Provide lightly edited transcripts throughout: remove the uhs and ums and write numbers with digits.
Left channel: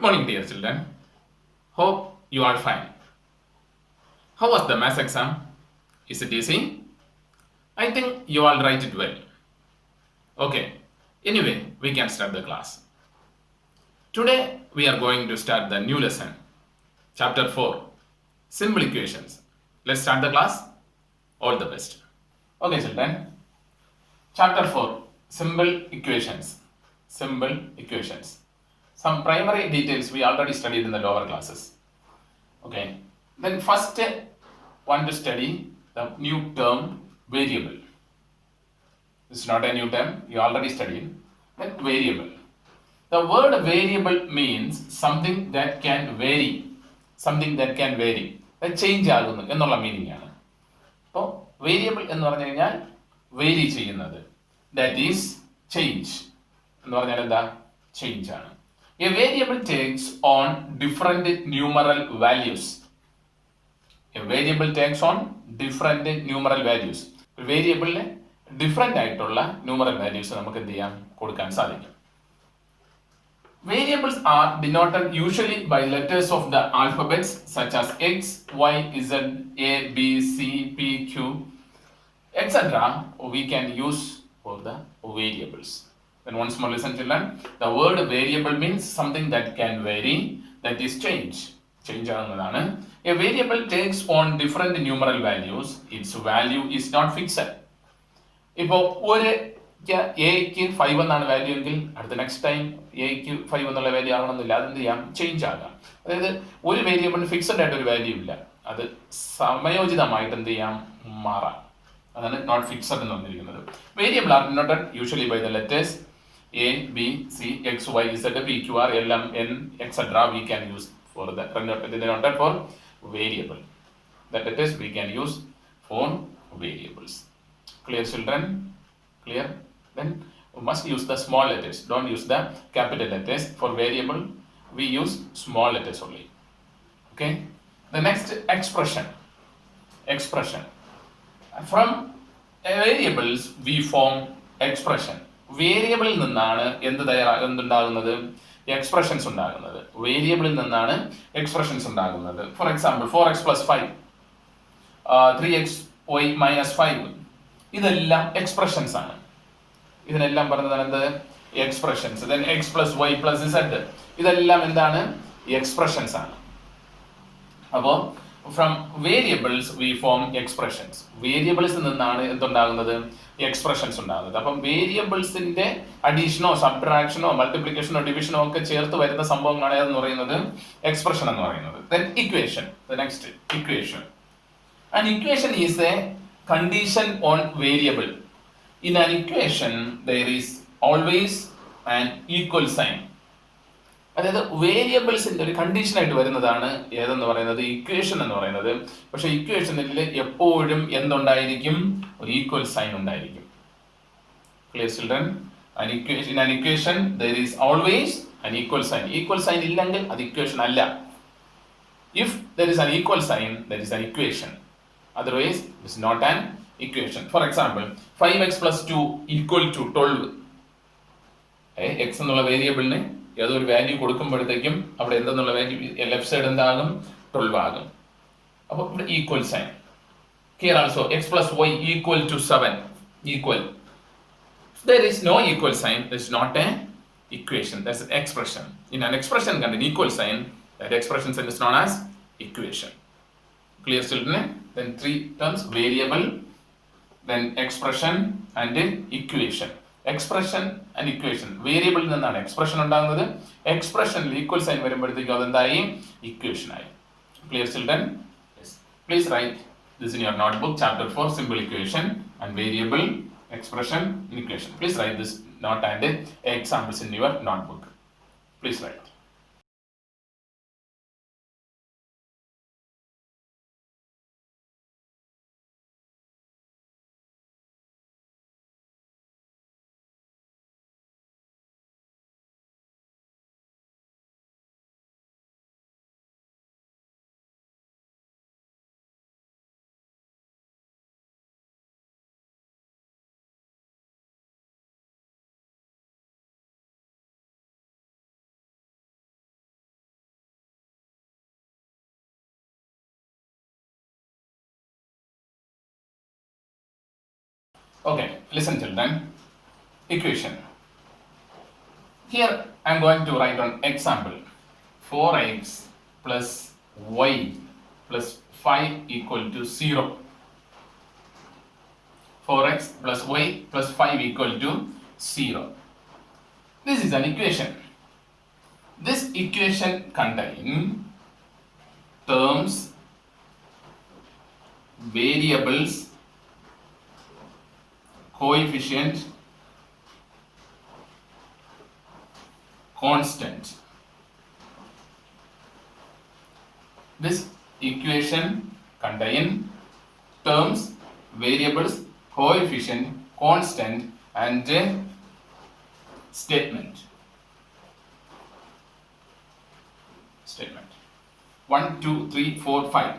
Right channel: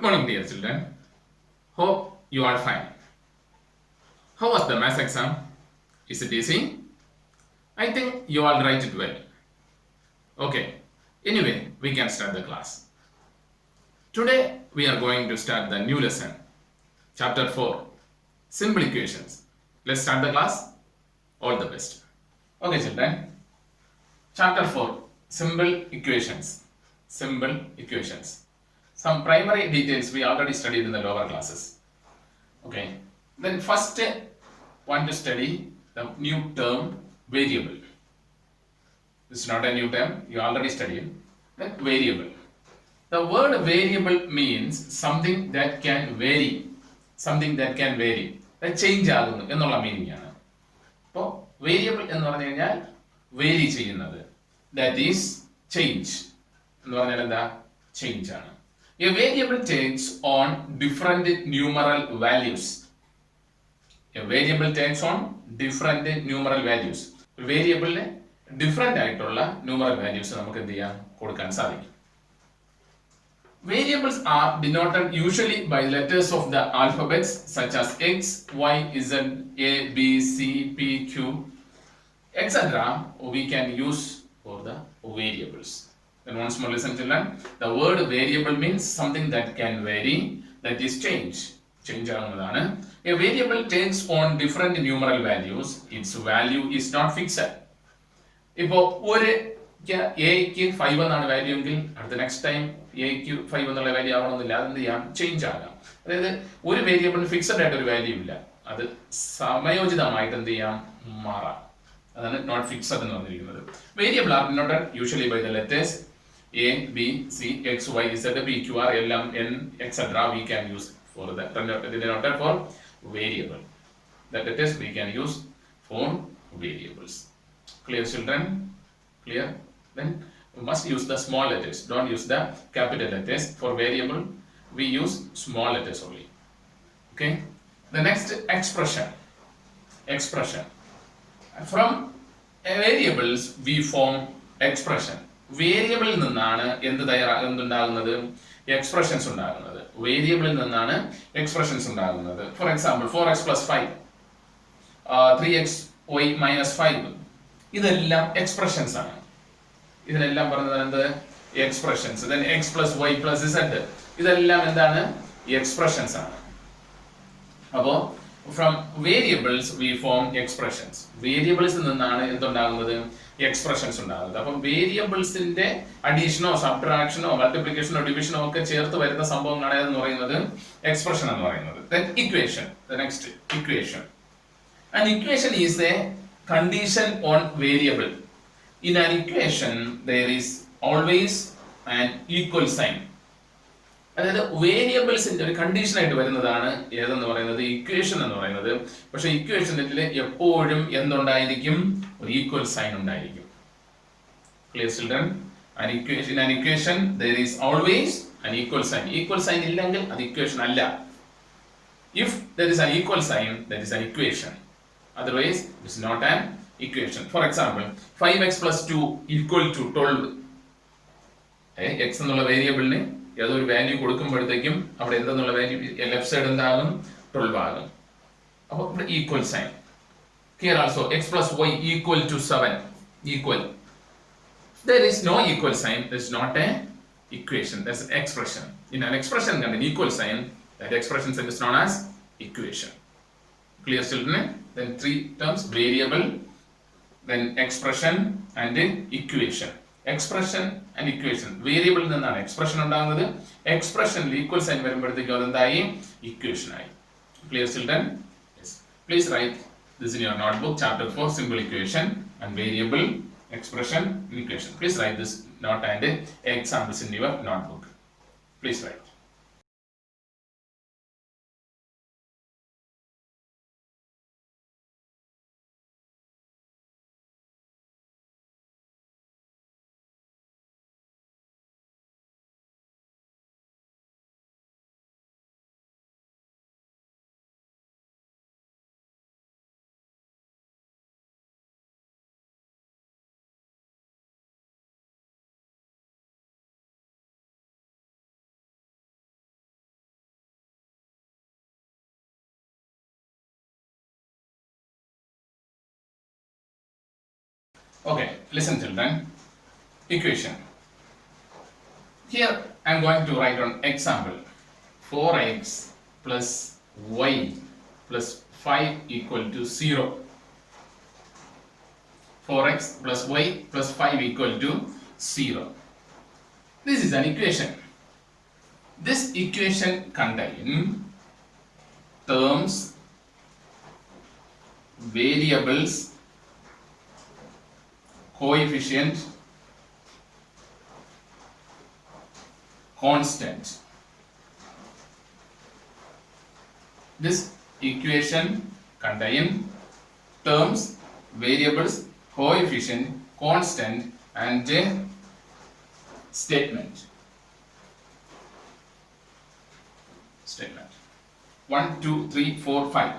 Good morning, dear children. Hope you are fine. How was the maths exam? Is it easy? I think you all write it well. Okay. Anyway, we can start the class. Today we are going to start the new lesson, chapter 4, simple equations. Let's start the class. All the best. Okay, children. Chapter 4, simple equations. Simple equations. Some primary details we already studied in the lower classes. Okay, then first want to study the new term variable. This is not a new term, you already studied. Then variable. The word variable means something that can vary. Something that can vary. Change ആകുന്നു എന്നുള്ള meaning ആണ്. അപ്പോൾ variable എന്ന് പറഞ്ഞു കഴിഞ്ഞാൽ vary ചെയ്യുന്നത്. That is change എന്ന് പറഞ്ഞാൽ എന്താ? ചേഞ്ച് ആണ്. A variable takes on different numeral values. A variable takes on different numeral values. വേരിയബിളിന് ഡിഫറെന്റ് ആയിട്ടുള്ള ന്യൂമറൽ വാല്യൂസ് നമുക്ക് എന്ത് ചെയ്യാം? കൊടുക്കാൻ സാധിക്കും. Variables are denoted usually by letters of the alphabets such as X, Y, Z, A, B, C, P, Q, etc. We can use for the variables. Then once more listen children, the word variable means something that can vary, that is change. Change ആകുന്നതാണ്. A variable takes on different numeral values. Its value is not fixed. ഇപ്പോൾ ഒരു എക്ക് 5 എന്നാണ് value എങ്കിൽ അടുത്ത next time എക്ക് 5 എന്നുള്ള value ആവണമെന്നില്ല. അതെന്ത് ചെയ്യാം? ചേഞ്ച് ആകാം. അതായത് ഒരു വേരിയബിളിന് ഫിക്സഡ് ആയിട്ട് ഒരു വാല്യൂ ഇല്ല, അത് സമയോചിതമായിട്ട് എന്ത് ചെയ്യാം? മാറാം. അതാണ് നോട്ട് ഫിക്സഡ് എന്ന് പറഞ്ഞിരിക്കുന്നത്. Variable are denoted usually by the letters A B C X Y Z P Q R L M N etcetera. We can use for the denoted for variable. The letters we can use for variables. Clear children? Clear? Then we must use the small letters. Don't use the capital letters. For variable we use small letters only. Okay? The next expression. Expression. From variables we form expression. വേരിയബിളിൽ നിന്നാണ് എന്തുണ്ടാകുന്നത്? Expressions ഉണ്ടാകുന്നത്. വേരിയബിളിൽ നിന്നാണ് expressions ഉണ്ടാകുന്നത്. For example 4x plus 5, 3xy minus 5, ഇതെല്ലാം expressions ആണ്. ഇതിനെല്ലാം പറയുന്നത് എന്ത്? Expressions. then x plus y plus z, ഇതെല്ലാം എന്താണ്? എക്സ്പ്രഷൻസ് ആണ്. അപ്പോൾ from variables we form expressions. വേരിയബിൾസിൽ നിന്നാണ് എന്തുണ്ടാകുന്നത്? എക്സ്പ്രഷൻസ് ഉണ്ടാകുന്നത്. അപ്പം വേരിയബിൾസിന്റെ അഡീഷനോ സബ്ട്രാക്ഷനോ മൾട്ടിപ്ലിക്കേഷനോ ഡിവിഷനോ ഒക്കെ ചേർത്ത് വരുന്ന സംഭവങ്ങളാണ് എന്ന് പറയുന്നത് എക്സ്പ്രഷൻ എന്ന് പറയുന്നത്. then equation, the next equation. An equation is a condition on variable. In an equation there is always an equal sign. അതായത് വേരിയബിൾസിന്റെ ഒരു കണ്ടീഷൻ ആയിട്ട് വരുന്നതാണ് ഏതെന്ന് പറയുന്നത്? ഇക്വേഷൻ എന്ന് പറയുന്നത്. പക്ഷെ ഇക്വേഷനിൽ എപ്പോഴും എന്തുണ്ടായിരിക്കും? ഒരു ഈക്വൽ സൈൻ ഉണ്ടായിരിക്കും. Clear children? an equation there is always an equal sign. Equal sign ഇല്ലെങ്കിൽ അത് ഇക്വേഷൻ അല്ല. if there is an equal sign, there is an equation. Otherwise it is not an equation. For example 5x plus 2 equal to 12. x എന്നുള്ള വേരിയബിളിന് ഏതൊരു value കൊടുക്കുമ്പോഴത്തേക്കും അവിടെ എന്തെന്നുള്ള value left side എന്താകും? 12 ആകും. അപ്പോൾ ഇവിടെ equal sign. Here also x plus y equal to 7, equal. If there is no equal sign, that is not an equation, that's an expression. In an expression and an equal sign, that expression is known as equation. Clear children? Then three terms: variable, then expression and equation. Expression and equation. വേരിയബിളിൽ നിന്നാണ് expression ഉണ്ടാകുന്നത്. എക്സ്പ്രഷനിൽ equal sign വരുമ്പോഴത്തേക്കും അതെന്തായി? Equation ആയി. Clear children? Yes. Please write this in your notebook. Chapter 4 simple equation and variable, expression, equation. Please write this note and examples in your notebook. Please write. Okay, listen children. Equation. Here I am going to write on example. 4x plus y plus 5 equal to 0. 4x plus y plus 5 equal to 0. This is an equation. This equation contains terms, variables, coefficient, constant. This equation contains terms, variables, coefficient, constant, and statement. 1, 2, 3, 4, 5.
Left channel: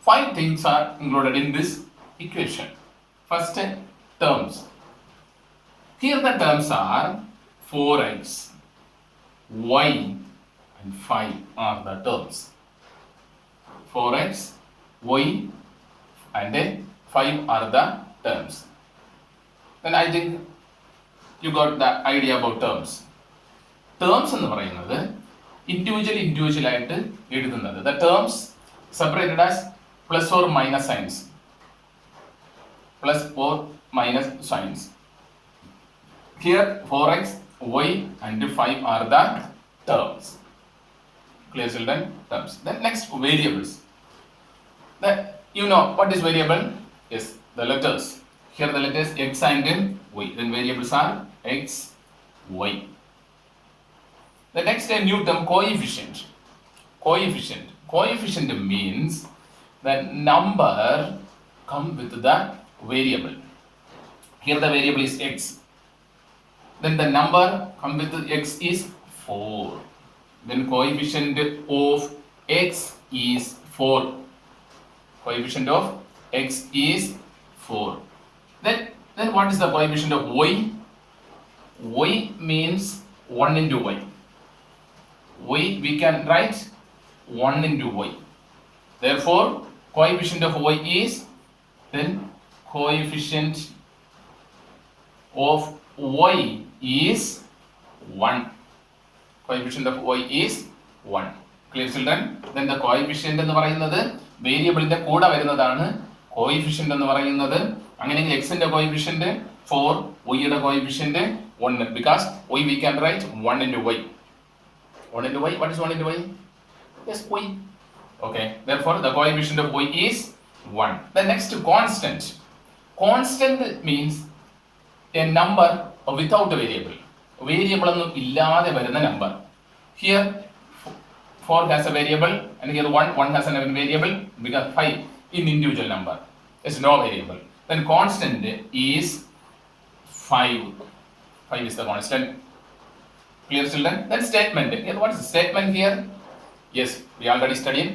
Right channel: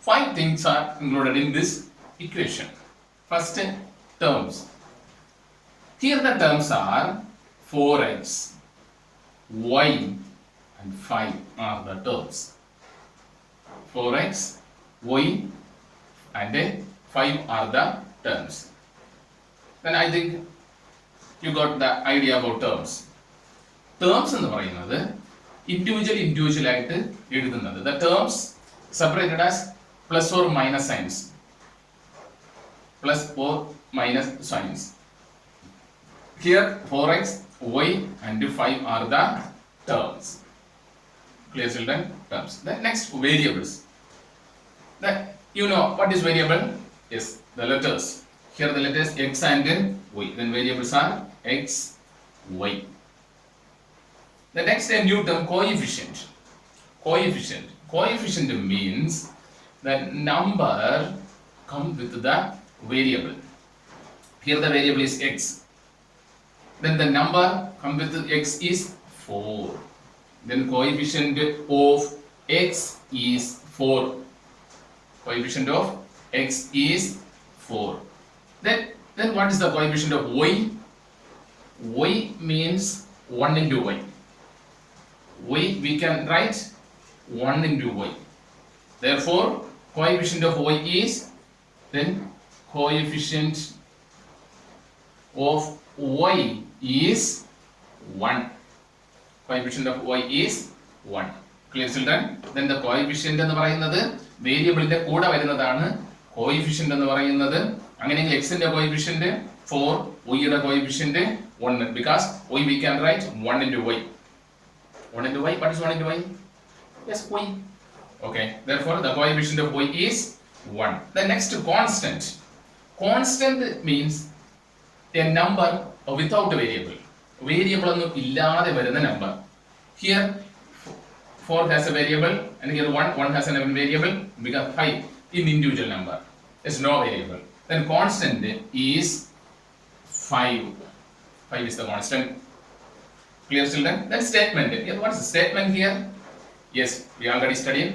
5 things are included in this equation. First, terms. Here the terms are 4x, y, and 5 are the terms. 4x, y, and 5 are the terms. Then I think you got the idea about terms. Terms എന്ന് പറയുന്നത് individual ആയിട്ട് എഴുതുന്നത്. The terms separated as plus or minus signs. Plus or minus signs. Here 4x, y, and 5 are the terms. Clear children? Terms. Then next, variables. You know what is variable? Yes, the letters. Here the letters x and y. Then variables are x, y. The next, a new term, coefficient. Coefficient means the number come with the variable. Here the variable is x. Then the number come with x is 4. Then coefficient of x is 4. Coefficient of x is 4. Then what is the coefficient of y? Y means 1 into y. Y we can write 1 into y. Therefore, coefficient of y is, then coefficient of y is 1. Coefficient of y is 1. Clear children? Then the coefficient എന്ന് പറയുന്നത് വേരിയബിളിന്റെ കൂടെ വരുന്നതാണ് coefficient എന്ന് പറയുന്നത്. അങ്ങനെയെങ്കിൽ x ന്റെ coefficient 4, y യുടെ coefficient 1 because y we can write 1 into y. 1 into y. What is 1 into y? Yes, y. Okay. Therefore, the coefficient of y is 1. The next, constant. Constant means a number without a variable. Variable ഒന്നും ഇല്ലാതെ വരുന്ന number. Here 4 has a variable and here 1 has a variable because 5 in individual number is no variable. Then constant is 5. 5 is the constant. Clear children? Then statement. Here, what is the statement here? Yes, we already studied.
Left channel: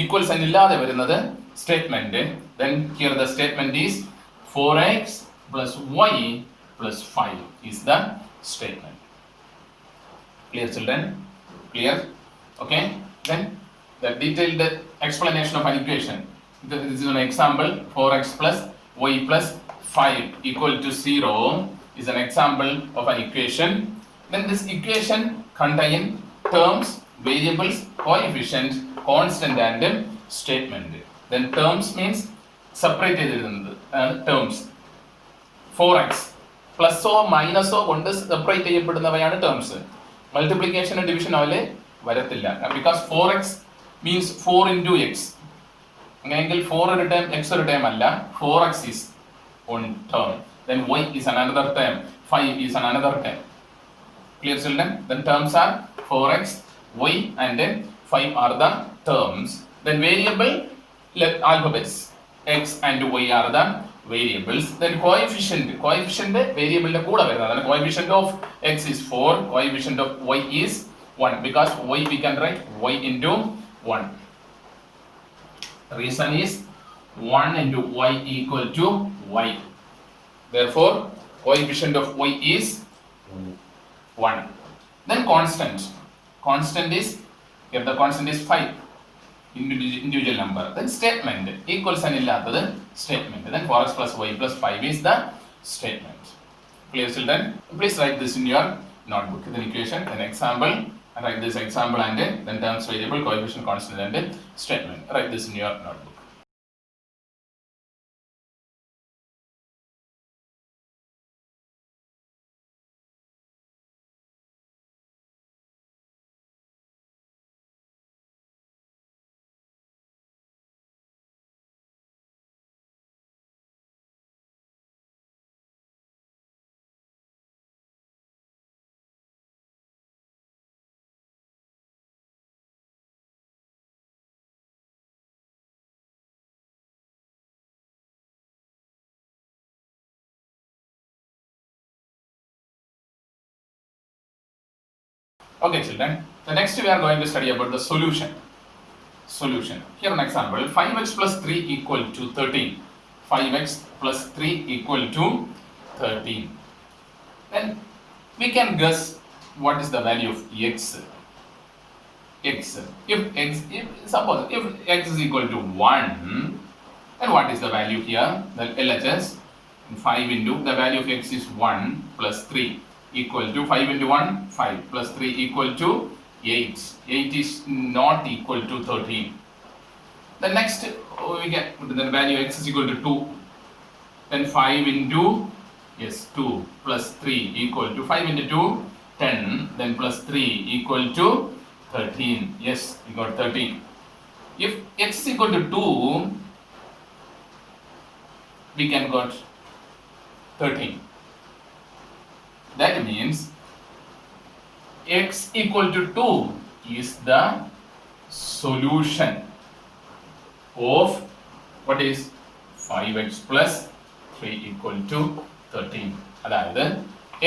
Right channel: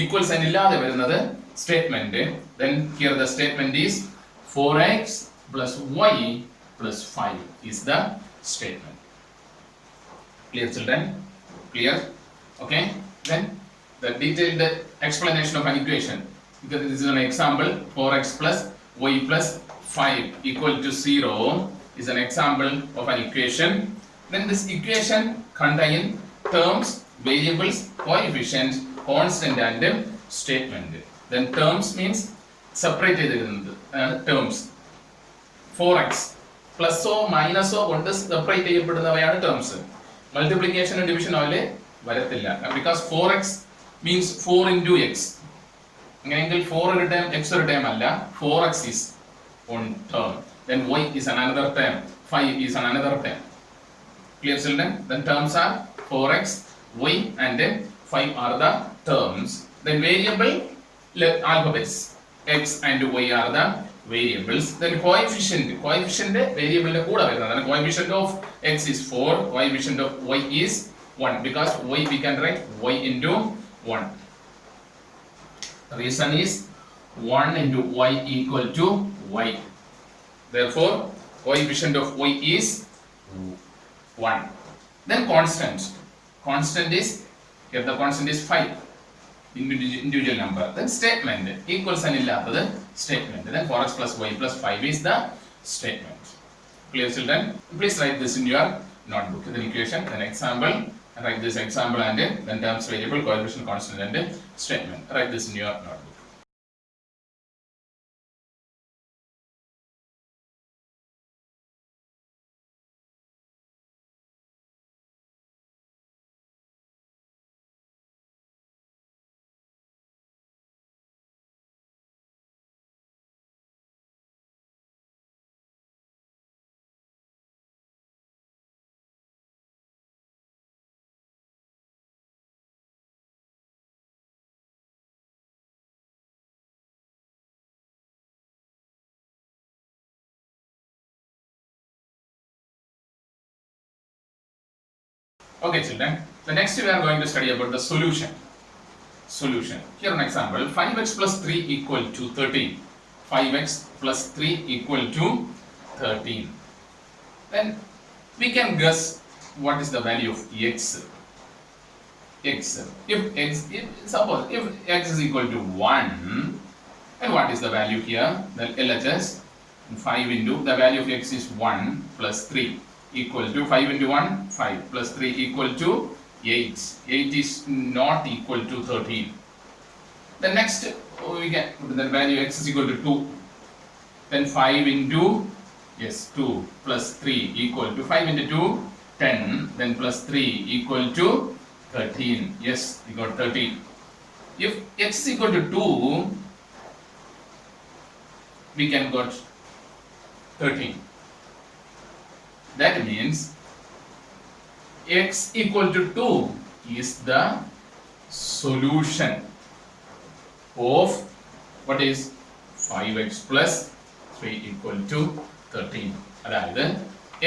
Equal sign illade varunathu statement. Then here the statement is 4x plus y plus 5 is the statement. Clear children? Clear? Okay. Then the detailed explanation of an equation. This is an example. 4x plus y plus 5 equal to 0 is an example of an equation. Then this equation contains terms, variables, coefficient, constant, and statement. Then terms means separated terms. 4x plus or minus or കൊണ്ട് separate ചെയ്യപ്പെടുന്നവയാണ് terms. Multiplication and division പോലെ വരത്തില്ല because 4x means 4 into x. അങ്ങനെയെങ്കിൽ 4 ഒരു term x ഒരു term അല്ല. 4x is one term. Then y is another term. 5 is another term. Clear children? Then terms are 4x, y, and 5 are the terms. Then variable alphabets x and y are the variables. Then coefficient variable കൂടെ വരുന്നതാണ്. Coefficient of x is 4, coefficient of y is 1 because y we can write y into 1. The reason is 1 into y equal to y. Therefore, coefficient of y is 1. Then constant. Constant is, here the constant is 5. Individual number. Then statement. Equal sign illathathu statement. Then 4x plus y plus 5 is the statement. Clear, children? Please write this in your notebook. Then equation, then example. Write this example and then terms, variable, coefficient, constant and statement. Write this in your notebook. Okay, children. The next we are going to study about the solution. Solution. Here an example. 5x plus 3 equal to 13. 5x plus 3 equal to 13. Then we can guess what is the value of x. Suppose if x is equal to 1, then what is the value here? The LHS 5 into the value of x is 1 plus 3 equal to 5 into 1, 5 plus 3 equal to 8. 8 is not equal to 13. The next we get the value x is equal to 2. Then 5 into 2 plus 3 equal to 5 into 2, 10. Then plus 3 equal to 13. Yes, we got 13. If x is equal to 2, we can got 13. That means x equal to 2 is the solution of what is 5x plus 3 equal to 13. അതായത്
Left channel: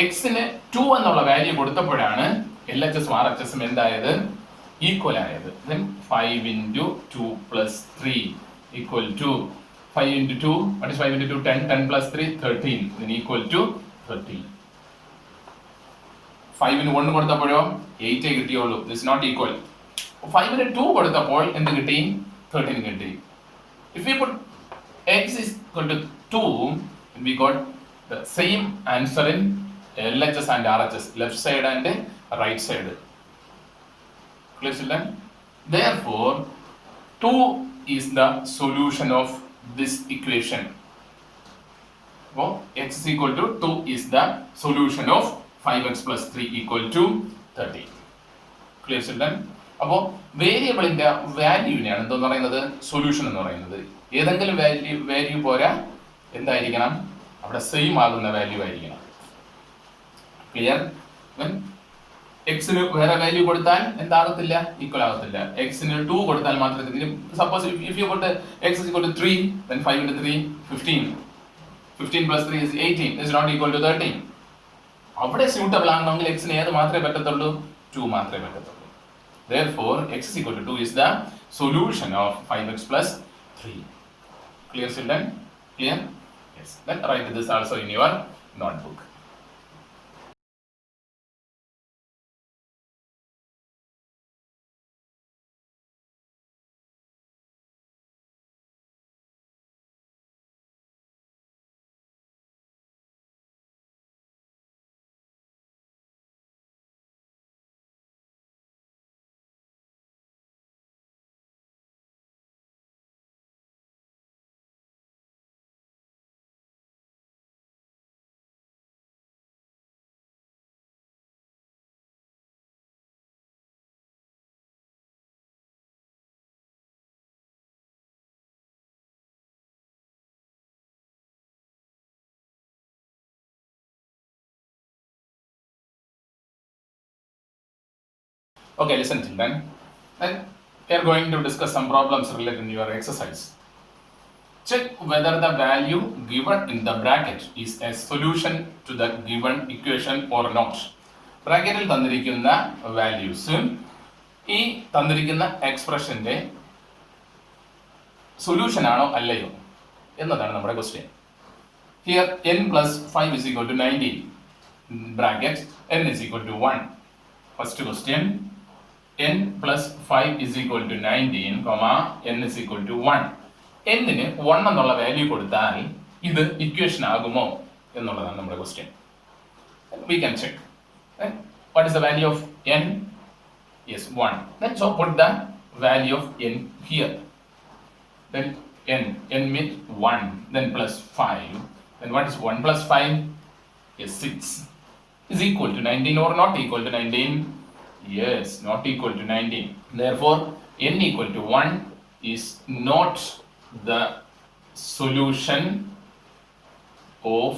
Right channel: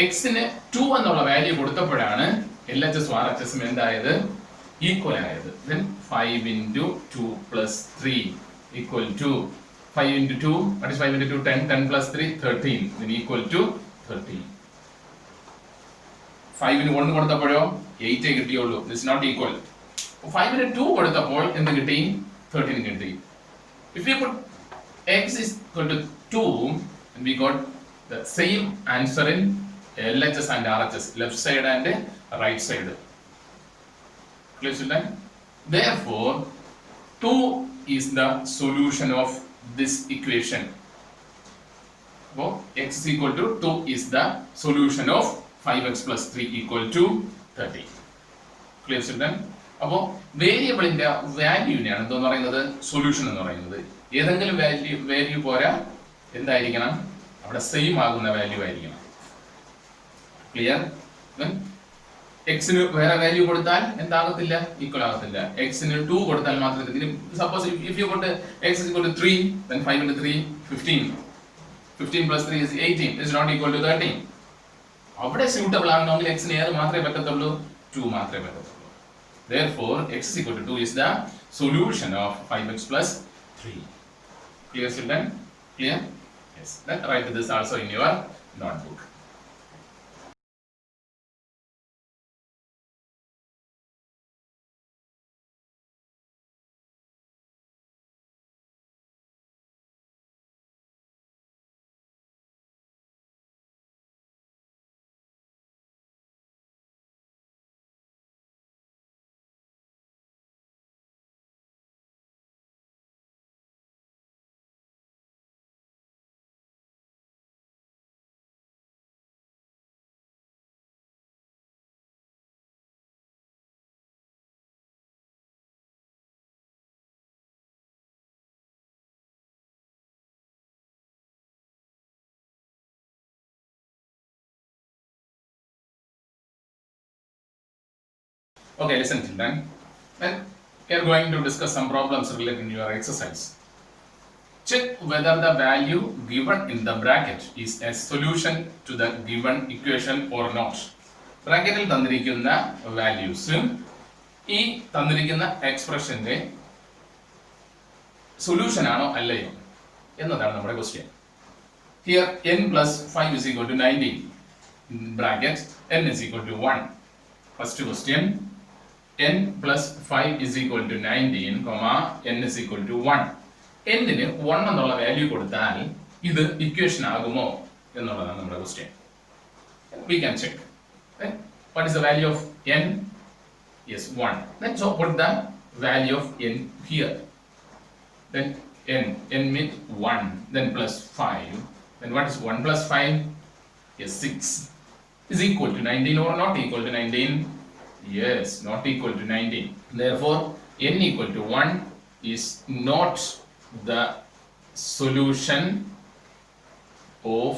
എക്സിന് 2 എന്നുള്ള value കൊടുത്തപ്പോഴാണ് LHS RHS എന്തായത് equal ആയത്. Then 5 into 2 plus 3 equal to 5 into 2, what is 5 into 2? 10, 10 plus 3, 13, then equal to 13. 5 ന് 1 കൊടുത്തപ്പോഴോ 8 കിട്ടിയുള്ളൂ. This is not equal. 5 ന് 2 കൊടുത്തപ്പോൾ എന്ത് കിട്ടി? 13 കിട്ടി. If we put x is equal to 2, then we got the same answer in LHS and RHS, left side and right side. Clear, children? Therefore, 2 is the solution of this equation. So, x is equal to 2 is the solution of 5x plus 3 equal to 30. Clear, children? അപ്പോൾ വേരിയബിളിന്റെ വാല്യൂവിനെയാണ് എന്താന്ന് പറയുന്നത് solution എന്ന് പറയുന്നത്. ഏതെങ്കിലും value പോരാ, എന്തായിരിക്കണം? അവിടെ സെയിം ആകുന്ന വാല്യൂ ആയിരിക്കണം. ക്ലിയർ? എക്സിന് വേറെ വാല്യൂ കൊടുത്താൽ എന്താകത്തില്ല? ഈക്വൽ ആകത്തില്ല. എക്സിന് 2 കൊടുത്താൽ മാത്രമേ. Suppose if you put x is equal to 3, then 5 into 3, 15. 15 plus 3 is 18. Is not equal to 13. അവിടെ സ്യൂട്ടബിൾ ആകണമെങ്കിൽ എക്സിന് ഏത് മാത്രമേ പറ്റത്തുള്ളൂ? 2 മാത്രമേ പറ്റത്തുള്ളൂ. Therefore, x is equal to 2 is the solution of 5x plus 3. Clear, children? Clear? Yes. Then write this also in your notebook. Okay, listen, children. Then we are going to discuss some problems related to your exercise. Check whether the value given in the bracket is a solution to the given equation or not. ബ്രാക്കറ്റിൽ തന്നിരിക്കുന്ന values ഈ തന്നിരിക്കുന്ന എക്സ്പ്രഷന്റെ solution ആണോ അല്ലയോ എന്നതാണ് നമ്മുടെ question. Here n plus 5 is equal to 19. Bracket n is equal to 1. First question. n plus 5 is equal to 19, n is equal to 1. n ന് 1 എന്നുള്ള വാല്യൂ കൊടുത്താൽ ഇത് ഇക്വേഷൻ ആകുമോ എന്നുള്ളതാണ് നമ്മുടെ question. We can check. Then what is the value of n? Yes, 1. Then so put the value of n here. Then n means 1. Then plus 5. Then what is 1 plus 5? Yes, 6. Is equal to 19 or not equal to 19? Yes, not equal to 19. Therefore, n equal to 1 is not the solution of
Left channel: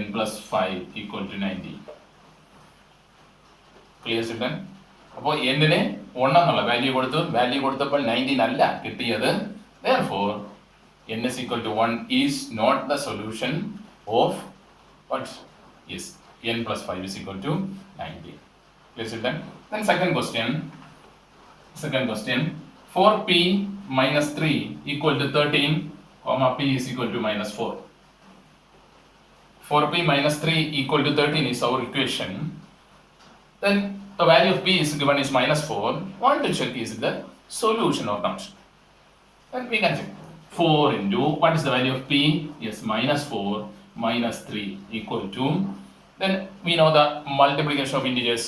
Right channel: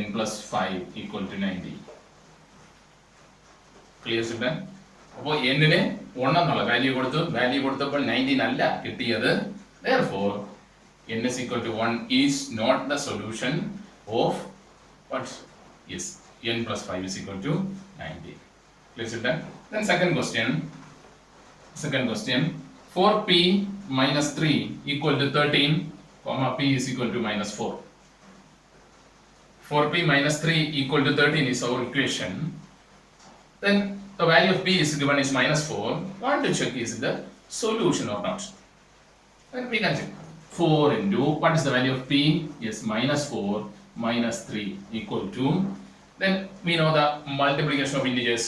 n plus 5 equal to 90. Clear children? അപ്പോൾ n-ന് 1 എന്നുള്ള value കൊടുത്തപ്പോൾ 19 അല്ല കിട്ടിയത്. Therefore, n is equal to 1 is not the solution of what? Yes, n plus 5 is equal to 90. Clear children? Then second question, 4p minus 3 equal to 13, comma p is equal to minus 4. 4p minus 3 equal to 13 is our equation. Then the value of p is given is minus 4. Want to check is the solution or not. Then we can check. 4 into, what is the value of p? Yes, minus 4 minus 3 equal to, then we know the multiplication of integers.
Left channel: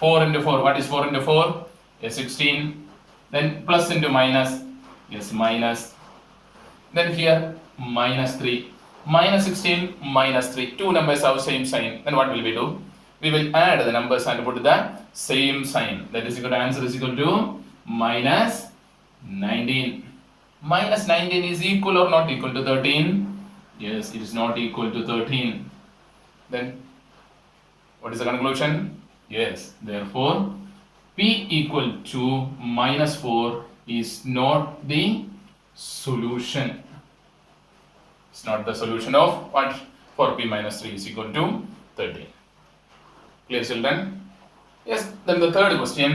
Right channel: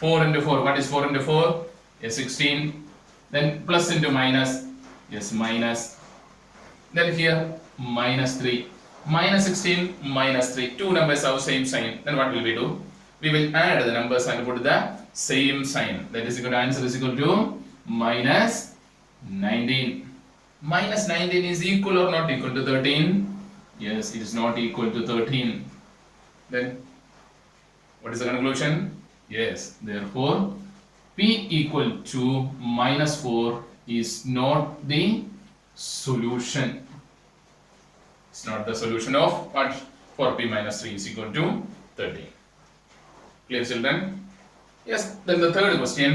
4 into 4, what is 4 into 4? Yes, 16. Then plus into minus, yes, minus. Then here, minus 3. Minus 16, minus 3. Two numbers have same sign. Then what will we do? We will add the numbers and put the same sign. That is equal to, answer is equal to minus 19. Minus 19 is equal or not equal to 13? Yes, it is not equal to 13. Then, what is the conclusion? Yes, therefore, p equal to minus 4 is not the solution. It's not the solution of what? 4p minus 3 is equal to 13. Clear children? Yes, then the third question,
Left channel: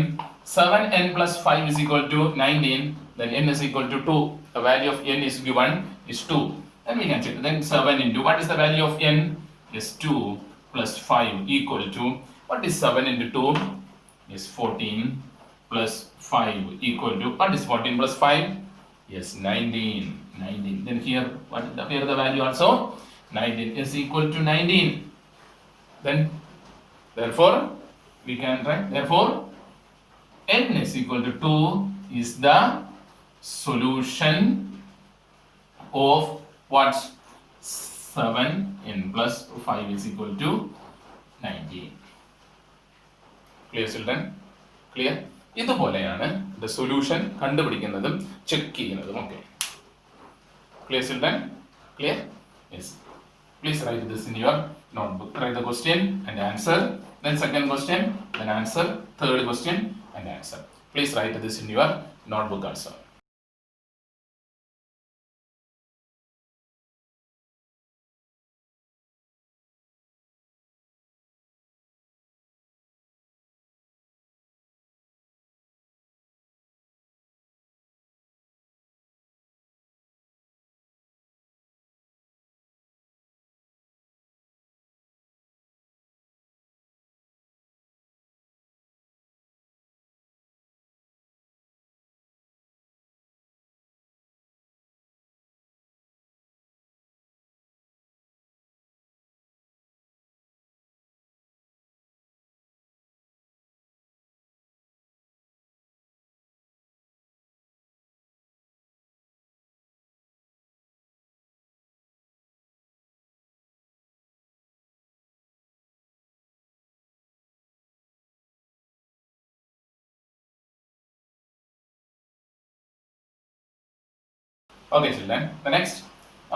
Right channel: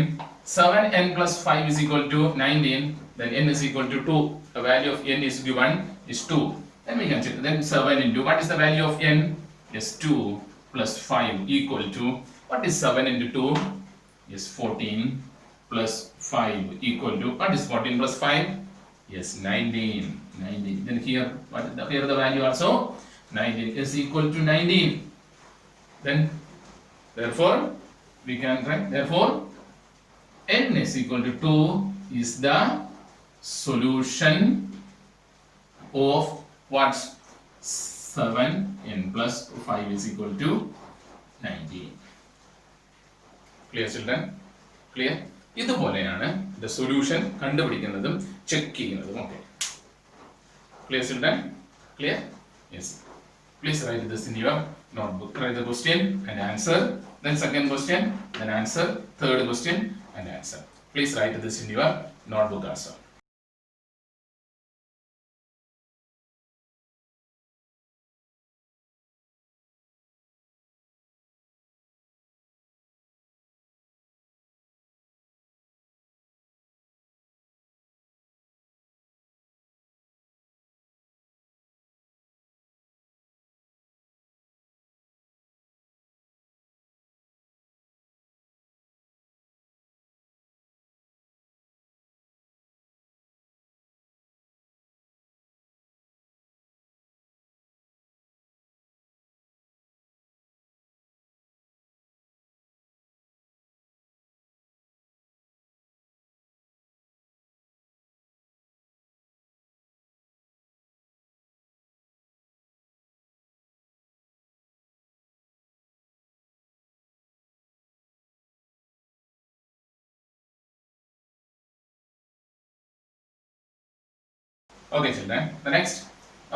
7n plus 5 is equal to 19, then n is equal to 2. The value of n is given is 2. And we can check. Then 7 into, what is the value of n? Is 2 plus 5 equal to, what is 7 into 2? Is 14 plus 5 equal to, what is 14 plus 5? Yes, 19. Then here, what is here the value also? 19 is equal to 19. Then, therefore, we can write, therefore, n is equal to 2 is the solution of what? 7n plus 5 is equal to 19. Clear children? Clear? ഇതുപോലെയാണ് the solution കണ്ടുപിടിക്കുന്നതും check ചെയ്യുന്നതും ഒക്കെ. Clear children? Clear? Yes. Please write this in your notebook. Write the question and answer. Then second question and answer. Third question and answer. Please write this in your notebook also. Okay children, the next,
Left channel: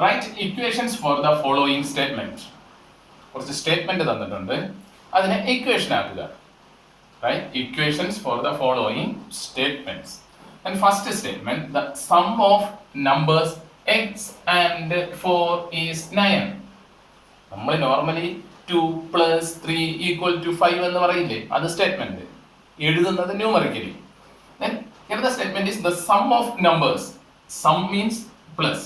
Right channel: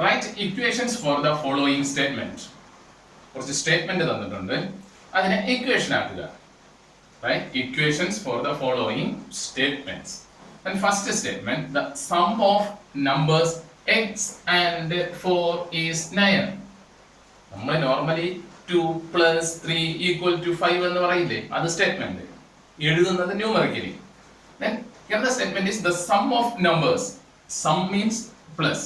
write equations for the following statement. കുറച്ച് statement തന്നിട്ടുണ്ട്, അതിനെ equation ആക്കുക. Right? Equations for the following statements. And first statement, the sum of numbers x and 4 is 9. നമ്മൾ normally 2 plus 3 equal to 5 എന്ന് പറയില്ലേ, അത് statement. എഴുതുന്നത് numerically. Then here the statement is the sum of numbers. Sum means plus.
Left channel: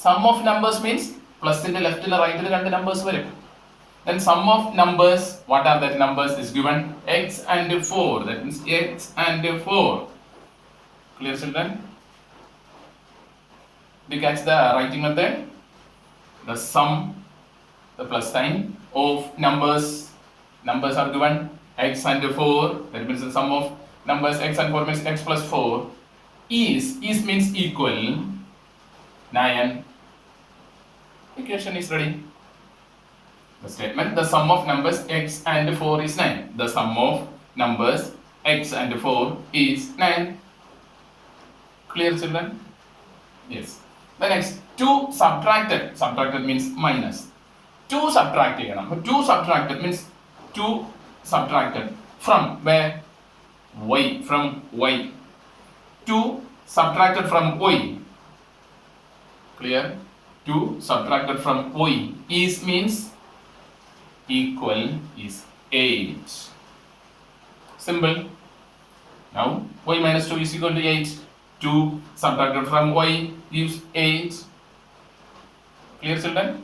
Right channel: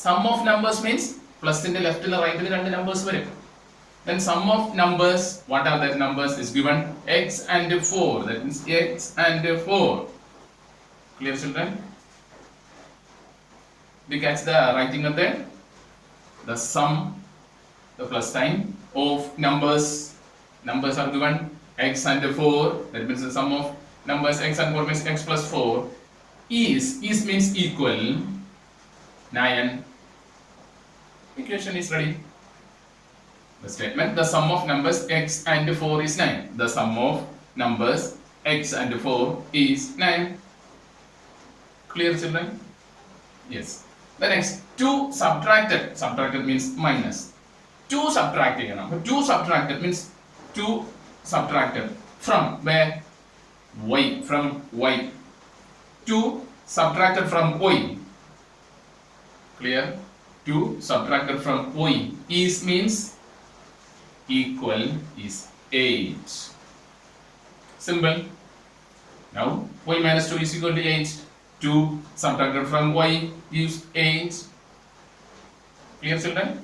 Sum of numbers means plus ന്റെ ലെഫ്റ്റിൽ റൈറ്റിൽ രണ്ട് numbers വരും. Then sum of numbers, what are that numbers is given x and 4. That means x and 4. Clear children? Did you catch the writing method? The sum the plus sign of numbers. Numbers are given x and 4. That means the sum of numbers x and 4 means x plus 4 is means equal 9. Equation is ready. The statement, the sum of numbers x and 4 is 9. The sum of numbers x and 4 is 9. Clear, children? Yes. The next, 2 subtracted. Subtracted means minus. 2 subtracted. 2 subtracted means 2 subtracted from where? Y. From y. 2 subtracted from y. Clear? 2 subtracted from y is means equal is 8. Simple. Now y minus 2 is equal to 8. 2 subtracted from y gives 8. Clear, children?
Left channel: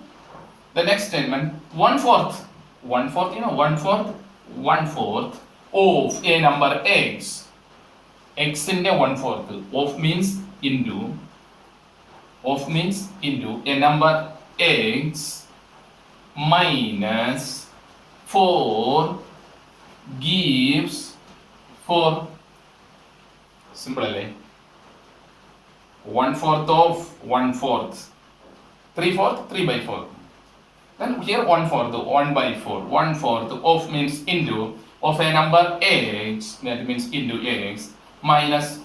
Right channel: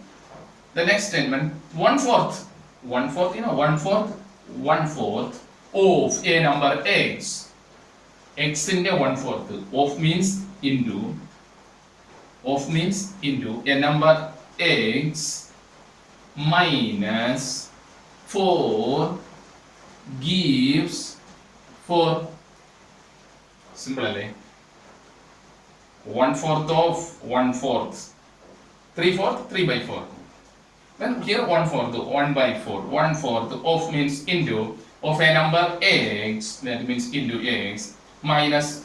The next statement, 1/4. 1/4, you know, 1/4. 1/4 of a number x. X in a 1/4. Of means into. Of means into a number x minus 4 gives 4. Simple, alle? 1/4 of 1/4. 3/4, 3/4. Then here 1/4, 1/4. 1/4 of means into of a number x, that means into x, minus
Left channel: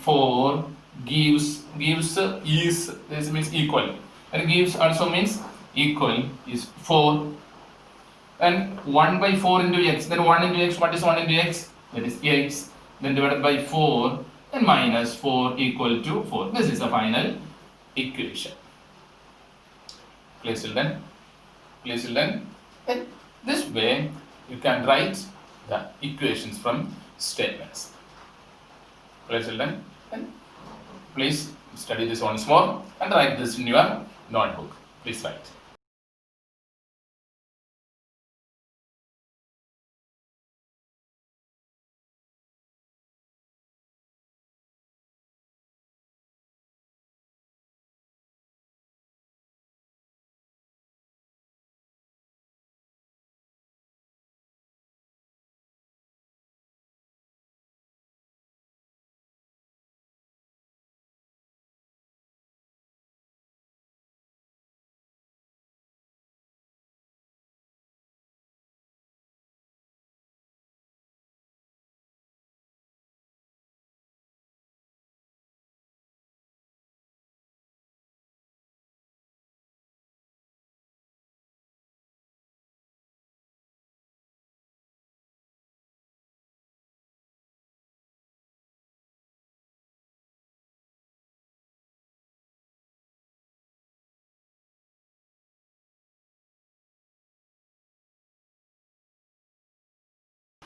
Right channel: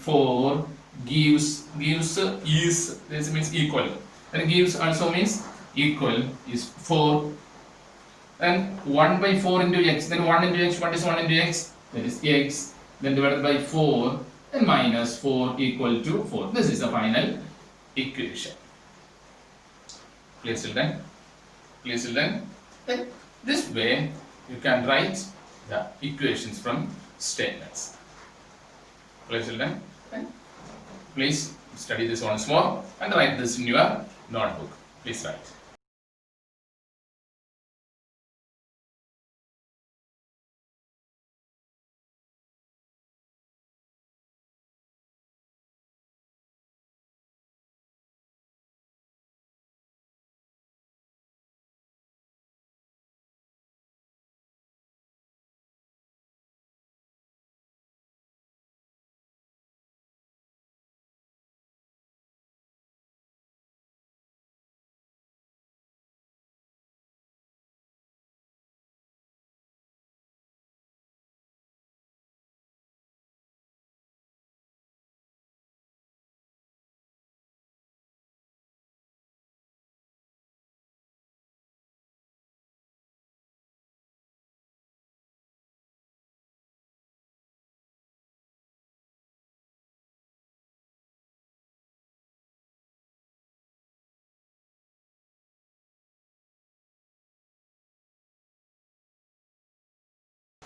4 gives is, this means equal, and gives also means equal is 4. And 1/4 into x, then 1 into x, what is 1 into x? That is x, then divided by 4, then minus 4 equal to 4. This is the final equation. Clear, children? Clear, children? Then this way you can write the equations from statements. Clear, children? Then please study this once more and write this in your notebook. Please write.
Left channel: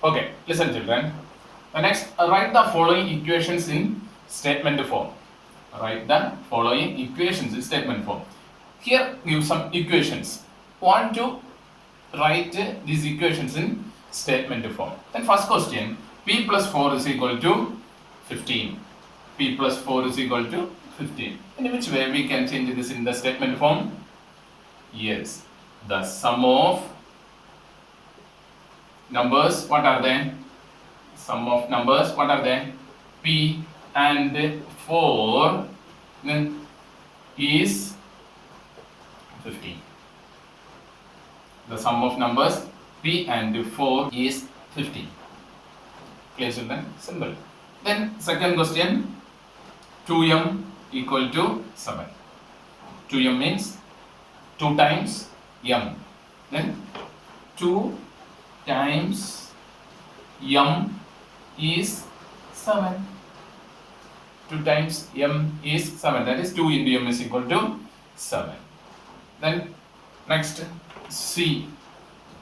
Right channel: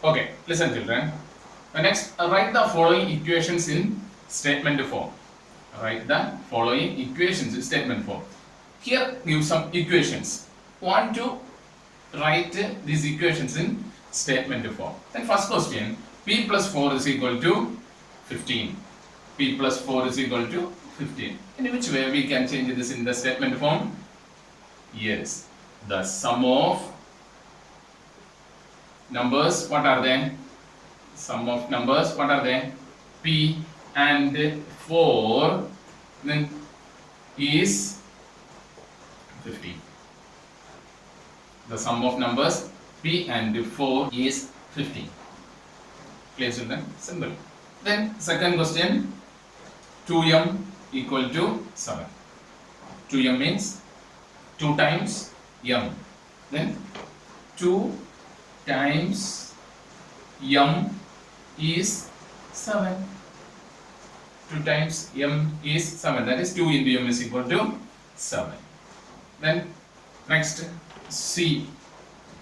Okay, listen, children. The next, write the following equations in statement form. Write the following equations in statement form. Here, give some equations. Want to write these equations in statement form. Then first question, p plus 4 is equal to 15. P plus 4 is equal to 15. In which way we can change this in the statement form? Yes, the sum of numbers, what are they? Sum of numbers, what are they? P and 4 then is 50. The sum of numbers P and 4 is 50. Clear, children? Simple. Then second question, 2m equal to 7. 2m means 2 times m. Then 2 times m is 7. 2 times m is 7. That is 2 into m is equal to 7. Then next, c,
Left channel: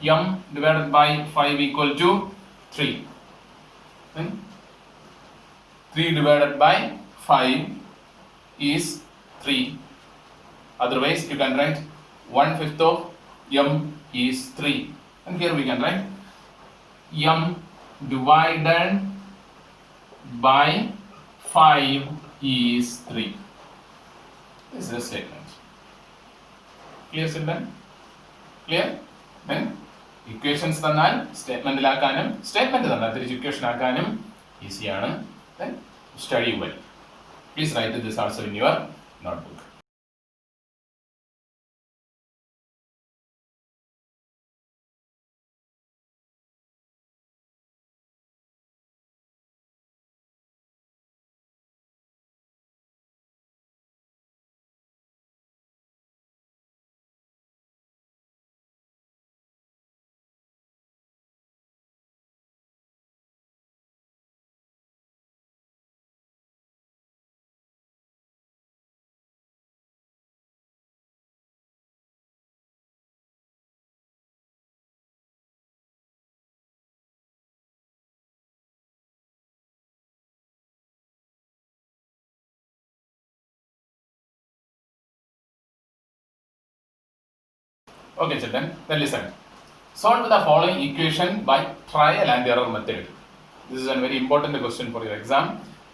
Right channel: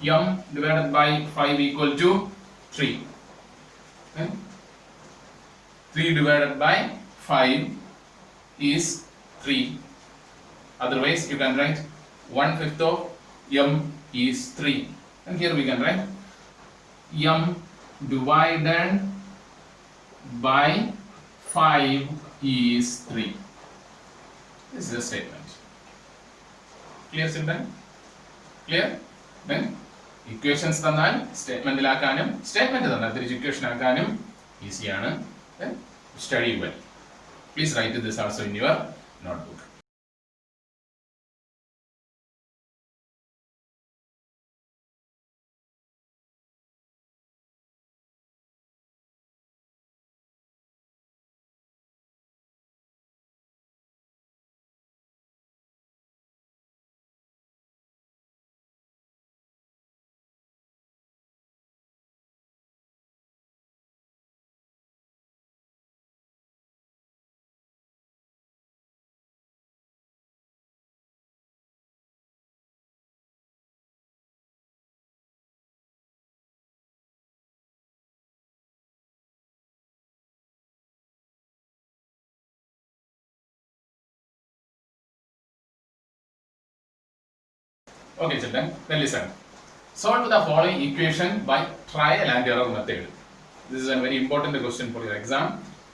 m divided by 5 equal to 3. Then 3 divided by 5 is 3. Otherwise you can write 1/5 of m is 3. And here we can write m divided by 5 is 3. This is the statement. Clear, children? Clear? Then equations തന്നാൽ സ്റ്റേറ്റ്മെന്റിലാക്കാനും statement തന്നാൽ തിരിച്ച് equation ആക്കാനും ഈസിയാണ്. Then study well. Please write this also in your notebook. Okay, children, then listen. Solve the following equation by trial and error method. This is a very important question for your exam.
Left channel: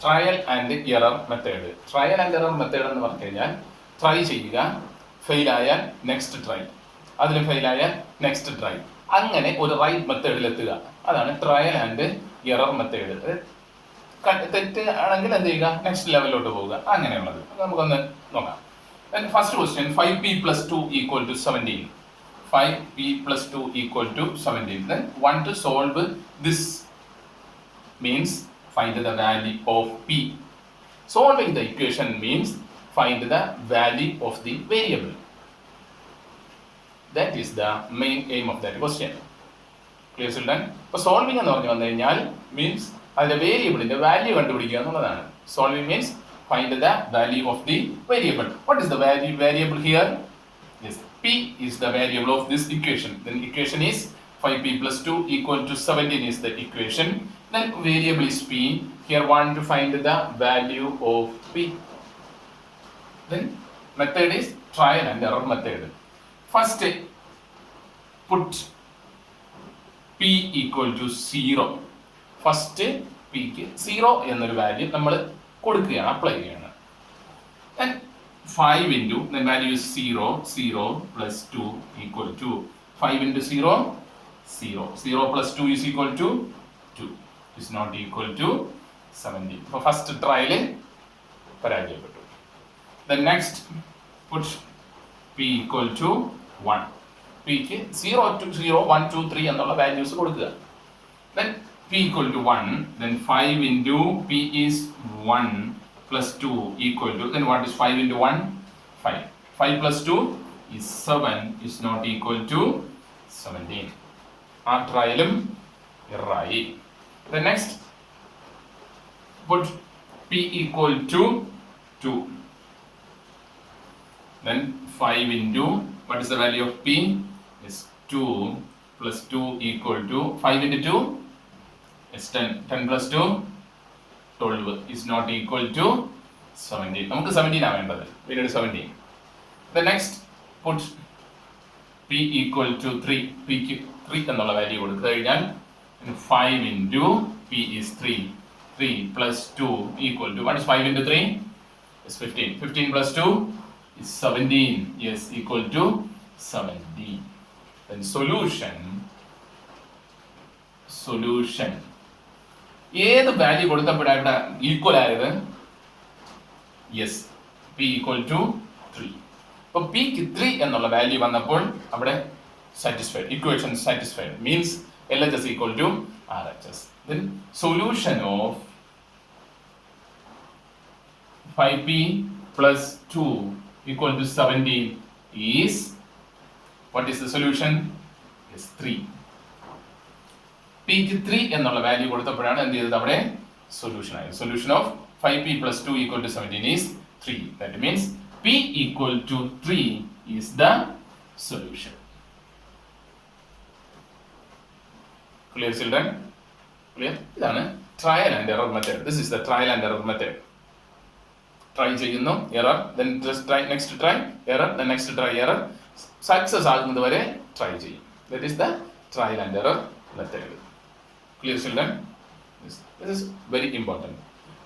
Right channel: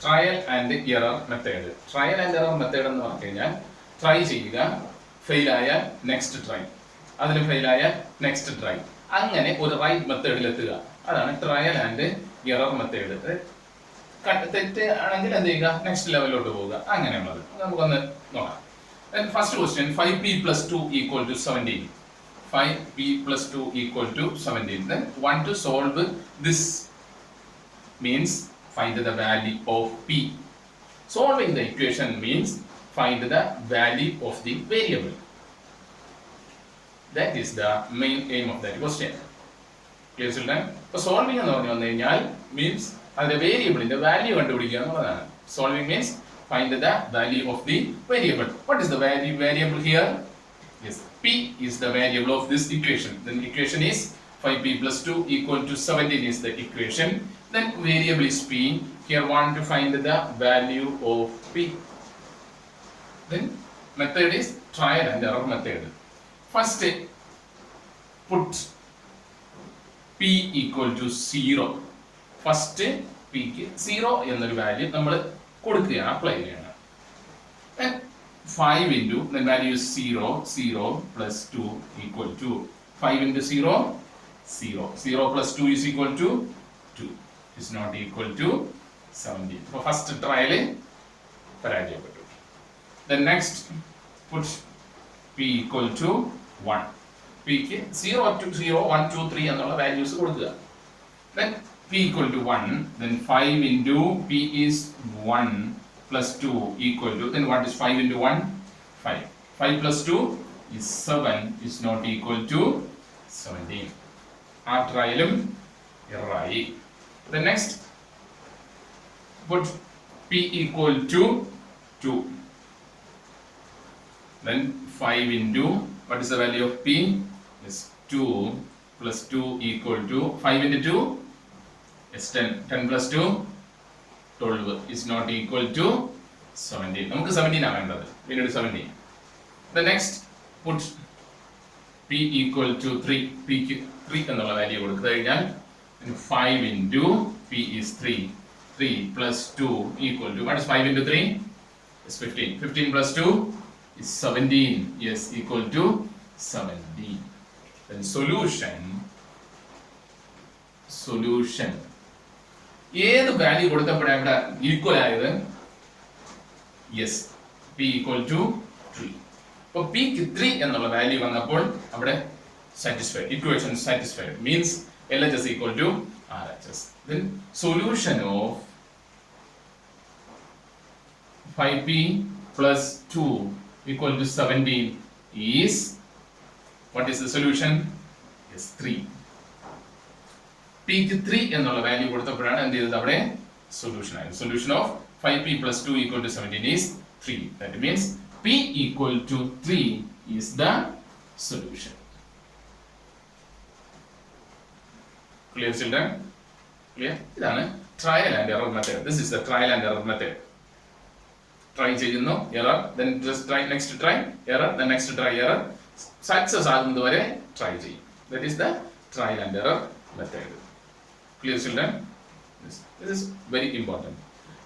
Trial and error method. Trial and error method എന്ന് പറഞ്ഞു കഴിഞ്ഞാൽ try ചെയ്യുക, fail ആയാൽ next try, അതിൽ fail ആയാൽ next try, അങ്ങനെ ഒരു right മെത്തേഡിൽ എത്തുക. അതാണ് ട്രയൽ ആൻഡ് എറർ മെത്തേഡ്. തെറ്റ് ആണെങ്കിൽ എന്ത് ചെയ്യുക, നെക്സ്റ്റ് ലെവലിലോട്ട് പോവുക, അങ്ങനെയുള്ളത് നമുക്കൊന്ന് നോക്കാം. First question, 5p plus 2 equal to 17. 5p plus 2 equal to 17. Then want to solve this means find the value of p. Solving the equation means find the value of the variable. That is the main aim of that question. Clear, children? So solving എന്ന് പറഞ്ഞു വന്നു കഴിഞ്ഞാൽ means അതിന്റെ വേരിയബിളിന്റെ value കണ്ടുപിടിക്കുക എന്നുള്ളതാണ്. Solving means find the value of the variable. What is the variable here? Yes, p is the variable of this equation. Then equation is 5p plus 2 equal to 17 is the equation. Then variable is p. Here want to find the value of p. Then method is trial and error method. First put p equal to 0. First p ക്ക് 0 എന്നൊരു value നമ്മൾ കൊടുക്കുകയാണ്, apply ചെയ്യണം. Then 5 into, then value is 0, 0 plus 2 equal to 5 into 0, 0. 0 plus 2 is equal to 2. Is not equal to 17. So first trial പരാജയപ്പെട്ടു. Then next put p equal to 1. p ക്ക് 0 to 0, 1, 2, 3 എന്നുള്ള values കൊടുക്കുക. Then p equal to 1, then 5 into p is 1 plus 2 equal to, then what is 5 into 1? 5. 5 plus 2 is 7, is not equal to 17. ആ ട്രയലും ഇറായി. The next put p equal to 2. Then 5 into, what is the value of p? Is 2 plus 2 equal to 5 into 2 is 10. 10 plus 2 12 is not equal to 17. നമുക്ക് 17 ആണ് വേണ്ടത്. We need 17. The next put p equal to 3. p ക്ക് 3 എന്നുള്ള value കൊടുത്തു കഴിഞ്ഞാൽ 5 into p is 3. 3 plus 2 equal to, what is 5 into 3? Is 15. 15 plus 2 is 17. Yes, equal to 17. Then solution. ഏത് value കൊടുത്തപ്പോഴാണ് ഇവിടെ ഈക്വൽ ആയത്? Yes, p equal to 3. അപ്പോൾ p ക്ക് 3 എന്നുള്ള വാല്യൂ വന്നപ്പോൾ അവിടെ satisfied, equation satisfied, means LHS equal to RHS. Then solution of 5p plus 2 equal to 17 is, what is the solution? Is 3. p ക്ക് 3 എന്നുള്ള വാല്യൂ കൊടുത്തപ്പോഴാണ് എന്ത് ചെയ്തത്, അവിടെ സൊല്യൂഷൻ ആയത്. Solution of 5p plus 2 equal to 17 is 3. That means p equal to 3 is the solution. Clear, children? Clear? ഇതാണ് trial and error method. This is the trial and error method. Try ചെയ്യുന്നു, error, then just try, next try, error, then next try, error. Success ആകുന്നത് വരെ try ചെയ്യും. That is the trial and error method. Clear, children? This is very important.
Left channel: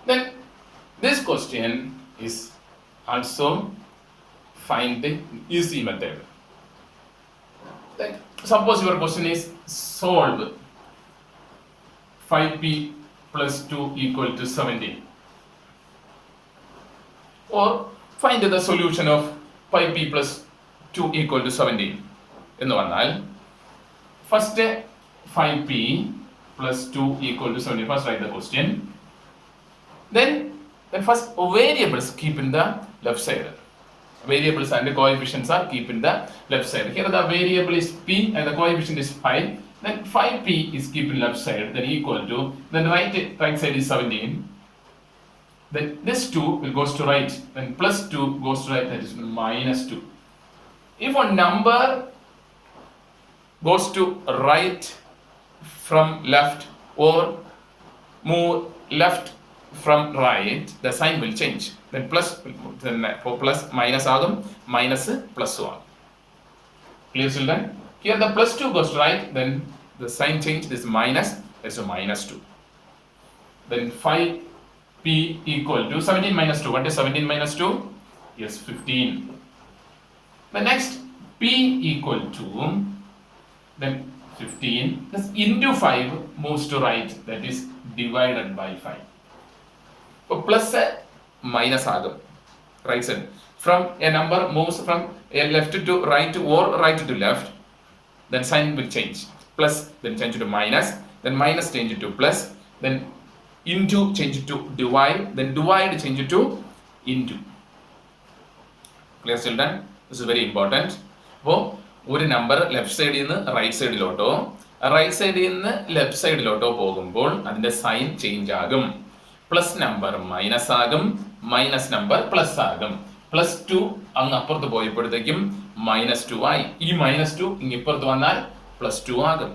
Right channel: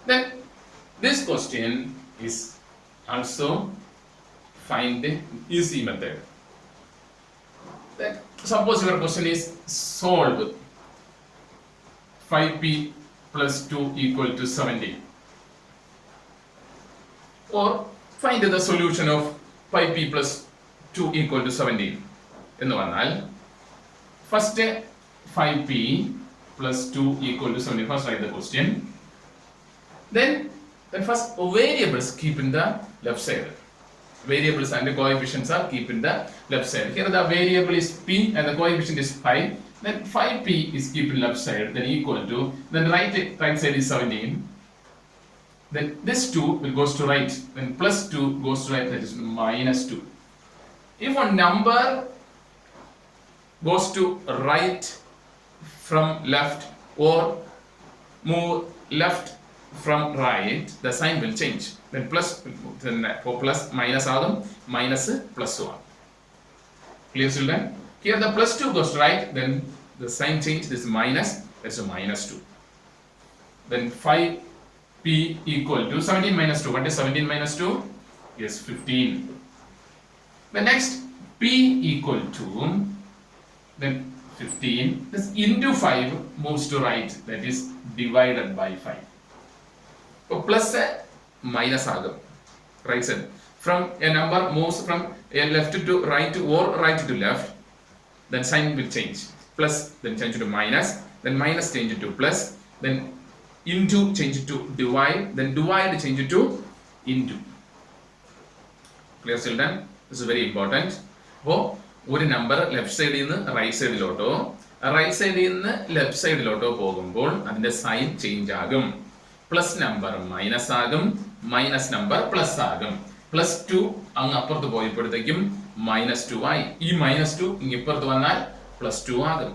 Then this question is also find the easy method. Then suppose your question is solve 5p plus 2 equal to 17, or find the solution of 5p plus 2 equal to 17 എന്ന് പറഞ്ഞാൽ first 5p plus 2 equal to 17, first write the question, then first variables keep in the left side, variables and the coefficients are keep in the left side. Here the variable is p and the coefficient is 5, then 5p is keep in left side, then equal to, then right side is 17, then this 2 will goes to right, then plus 2 goes to right, that is minus 2. If a number goes to right from left or move left from right, the sign will change. Then plus, then for plus minus agum, minus plus 1. Clear children? Here the plus 2 goes to right, then the sign change, this minus, that's a minus 2. Then 5p equal to 17 minus 2. What is 17 minus 2? Yes, 15. The next p equal to, then 15, this into 5 moves to right, that is divided by 5. So plus minus agum, right side. From a number moves from a left to right or right to left, then sign will change. Plus, then change to minus, then minus change to plus, then into change to divide, then divide change to into. Clear children? This is very important. അപ്പോൾ ഒരു number left സൈഡിൽ നിന്ന് right സൈഡിലോട്ടോ right സൈഡിൽ നിന്ന് left സൈഡിലോട്ടോ പോകുമ്പോൾ അതിന്റെ sign change ആകും. Plus number minus ആകും, മൈനസ് നമ്പർ പ്ലസ് ആകും. പ്ലസ് 2 അങ്ങ് അപ്പുറത്ത് പോയപ്പോഴത്തേക്കും മൈനസ് 2 ആയി. ഈ മൈനസ് 2 ഇപ്പുറത്ത് വന്നാൽ പ്ലസ് 2 ആകും.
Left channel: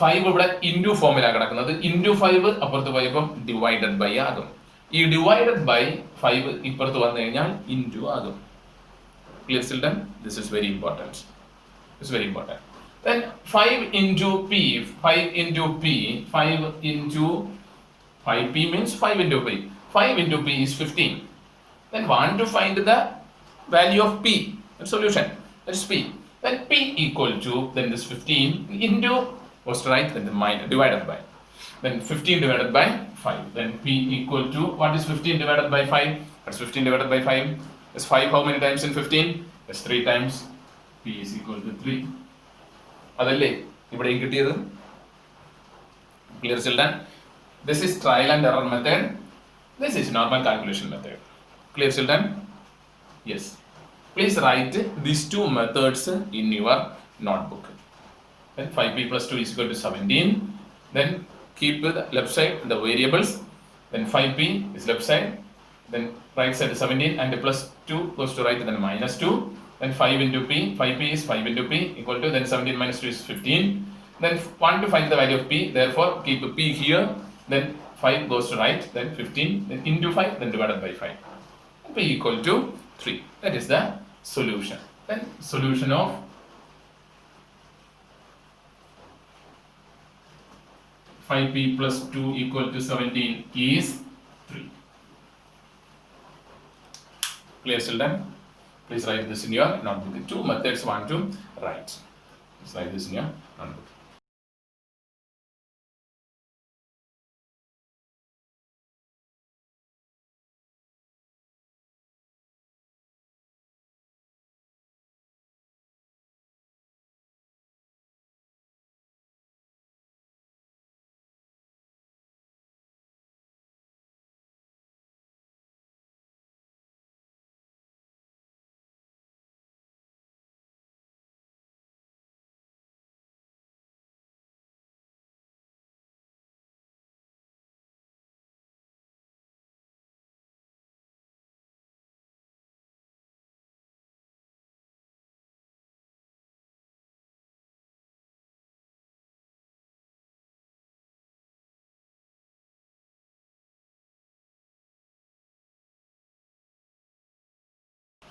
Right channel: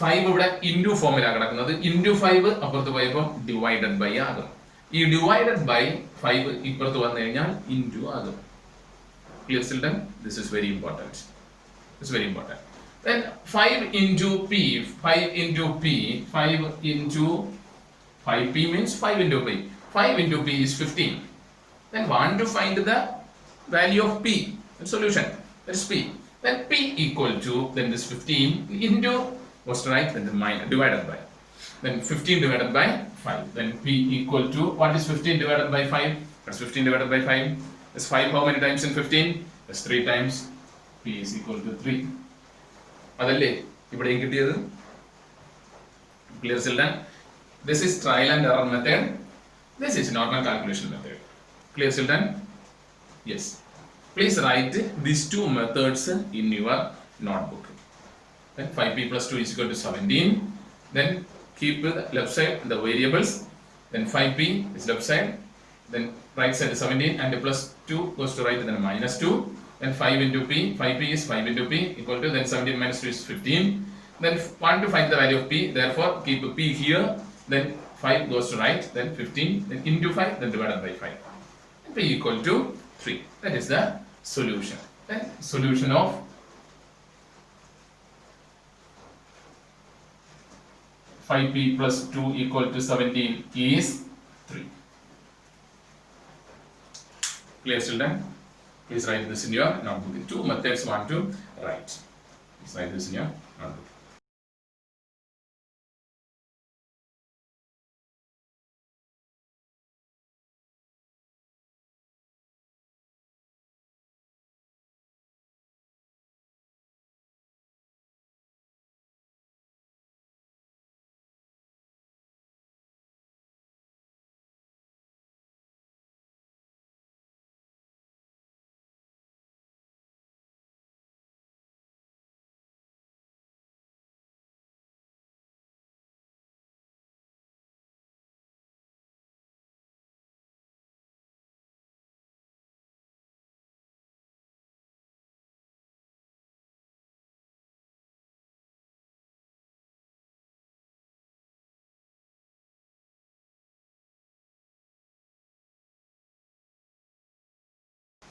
5 ഇവിടെ ഇൻറ്റു ഫോമിലാണ് കിടക്കുന്നത്. ഇൻറ്റു 5 അപ്പുറത്ത് പോയപ്പോൾ ഡിവൈഡഡ് ബൈ ആകും. ഈ ഡിവൈഡഡ് ബൈ 5 ഇപ്പുറത്ത് വന്നു കഴിഞ്ഞാൽ ഇൻറ്റു ആകും. Clear children? This is very important. This is very important. Then 5 into p, 5 into p, 5 into 5p means 5 into p. 5 into p is 15. Then want to find the value of p, the solution. That is p. Then p equal to, then this 15 into, what's right? Then the minus divided by. Then 15 divided by 5. Then p equal to, what is 15 divided by 5? What's 15 divided by 5? Is 5 how many times in 15? It's 3 times. P is equal to 3. അതല്ലേ ഇവിടെയും കിട്ടിയത്? Clear children? This is trial and error method. This is normal calculation method. Clear children? Yes. Please write these two methods in your notebook. Then 5p plus 2 is equal to 17. Then keep the left side the variables. Then 5p is left side. Then right side is 17 and plus 2 goes to right, then minus 2. Then 5 into p, 5p is 5 into p equal to, then 17 minus 2 is 15. Then want to find the value of p, therefore keep p here, then 5 goes to right, then 15, then into 5, then divided by 5. And p equal to 3. That is the solution. Then solution of 5p plus 2 equal to 17 is 3. Clear children? Please write this in your notebook. The two methods want to write. Please write this in your notebook.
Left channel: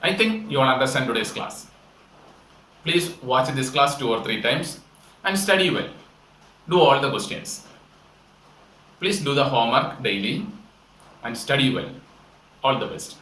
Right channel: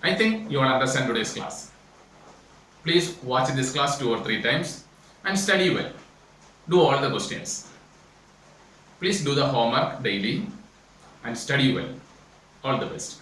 I think you all understand today's class. Please watch this class 2 or 3 times and study well. Do all the questions. Please do the homework daily and study well. All the best.